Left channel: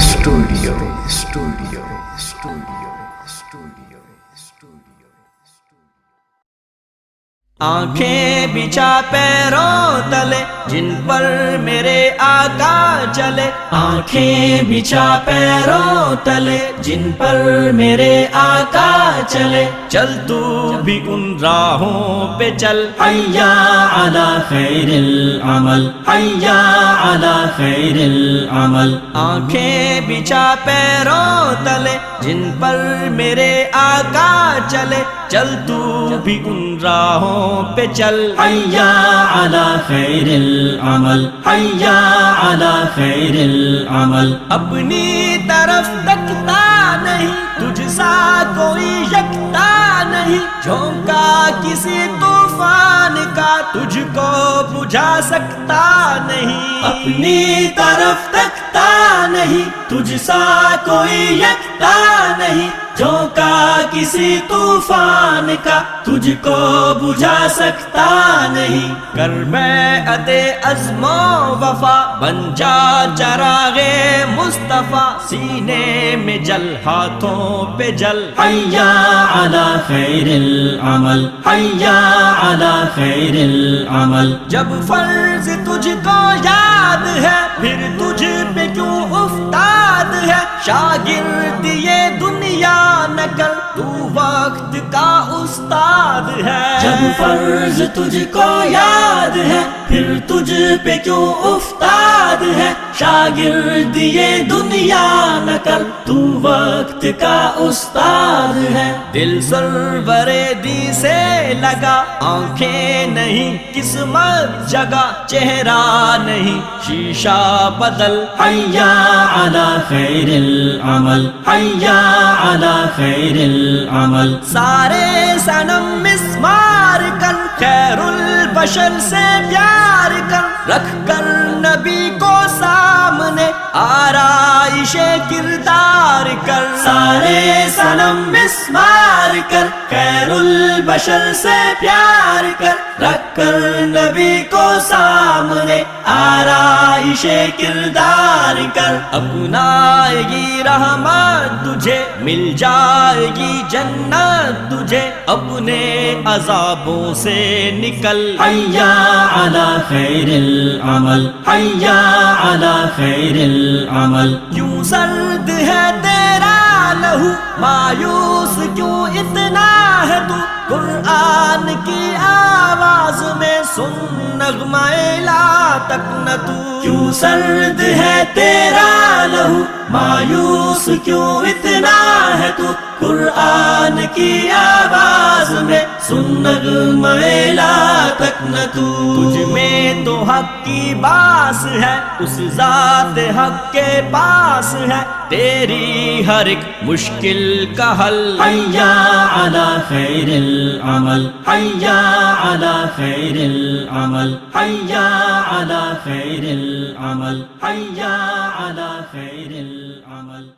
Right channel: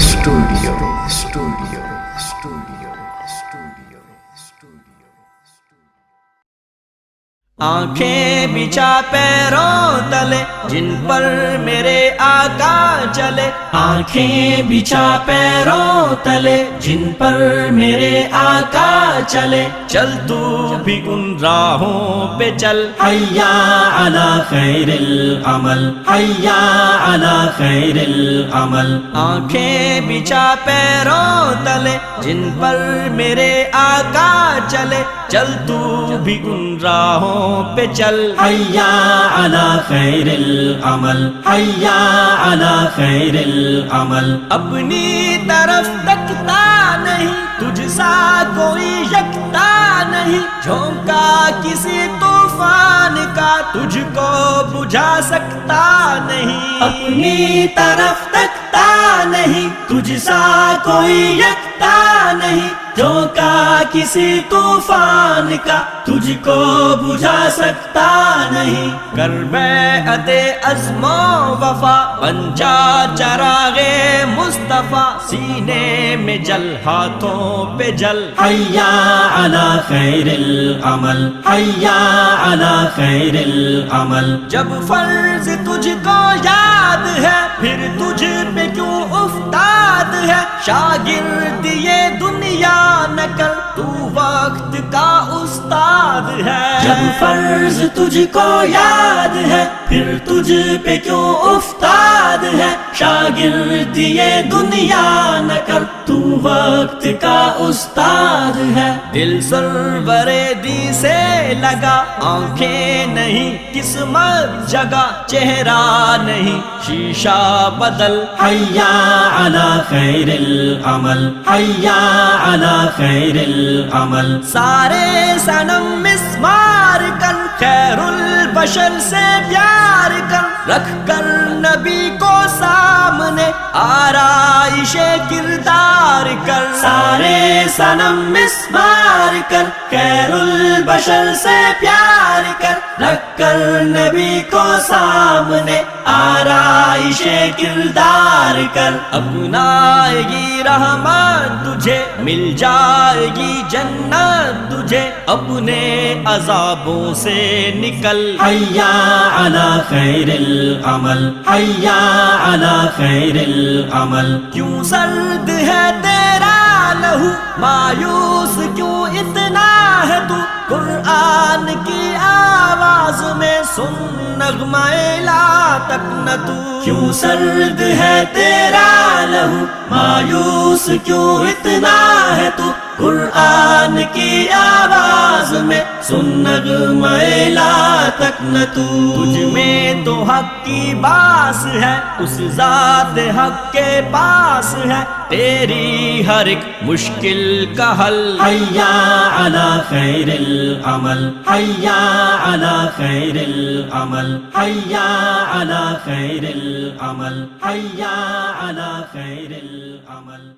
Studio آنکھیں بچھا پیروں تلے جن پر میرے آقا چلے، آنکھیں بچھا پیروں تلے جن پر میرے آقا چلے، چل تو بھی ان راہوں پہ چل، حیا علی خیر العمل، حیا علی خیر العمل۔ آنکھیں بچھا پیروں تلے جن پر میرے آقا چلے، چل تو بھی ان راہوں پہ چل، حیا علی خیر العمل، حیا علی خیر العمل۔ اپنی طرف تکتا نہیں، تجھ سا کوئی یکتا نہیں، جھونکا کسی طوفان کا تجھ کو بجھا سکتا نہیں۔ اپنی طرف تکتا نہیں، تجھ سا کوئی یکتا نہیں، جھونکا کسی طوفان کا تجھ کو بجھا سکتا نہیں۔ کر بیعت عزم و وفا، بن جا چراغ مصطفیٰ، سینے میں جل ہاتھوں پہ جل، حیا علی خیر العمل، حیا علی خیر العمل۔ جب فرض تجھ کو یاد ہے پھر تجھ پہ کیوں افتاد ہے، شاگرد یہ دنیا نہ کر، تو وقت کا استاد ہے۔ جب فرض تجھ کو یاد ہے پھر تجھ پہ کیوں افتاد ہے، شاگرد یہ دنیا نہ کر، تو وقت کا استاد ہے۔ دل سرور دی سے لگا، آنکھیں نہیں قسمت جگہ، چہرہ نہیں شیشہ بدل، حیا علی خیر العمل، حیا علی خیر العمل۔ سارے صنم مسمار کر، خیر البشر سے پیار کر، رکھ کر نبی کو سامنے آرائش کردار کر۔ سارے صنم مسمار کر، خیر البشر سے پیار کر، رکھ کر نبی کو سامنے آرائش کردار کر۔ اپنائے گی رحمت تجھے، مل جائے گی جنت تجھے، اپنے عذابوں سے نکل، حیا علی خیر العمل، حیا علی خیر العمل۔ کیوں سرد ہے تیرا لہو، مایوس کیوں اتنا ہے تو، قرآن کی آواز میں سن نغمہ لا تقنطو۔ کیوں سرد ہے تیرا لہو، مایوس کیوں اتنا ہے تو، قرآن کی آواز میں سن نغمہ لا تقنطو۔ تجھ میں تو حق کی باس ہے، اس ذات حق کے پاس ہے، تیری ہر ایک مشکل کا حل، حیا علی خیر العمل، حیا علی خیر العمل، حیا علی خیر العمل، حیا علی خیر العمل۔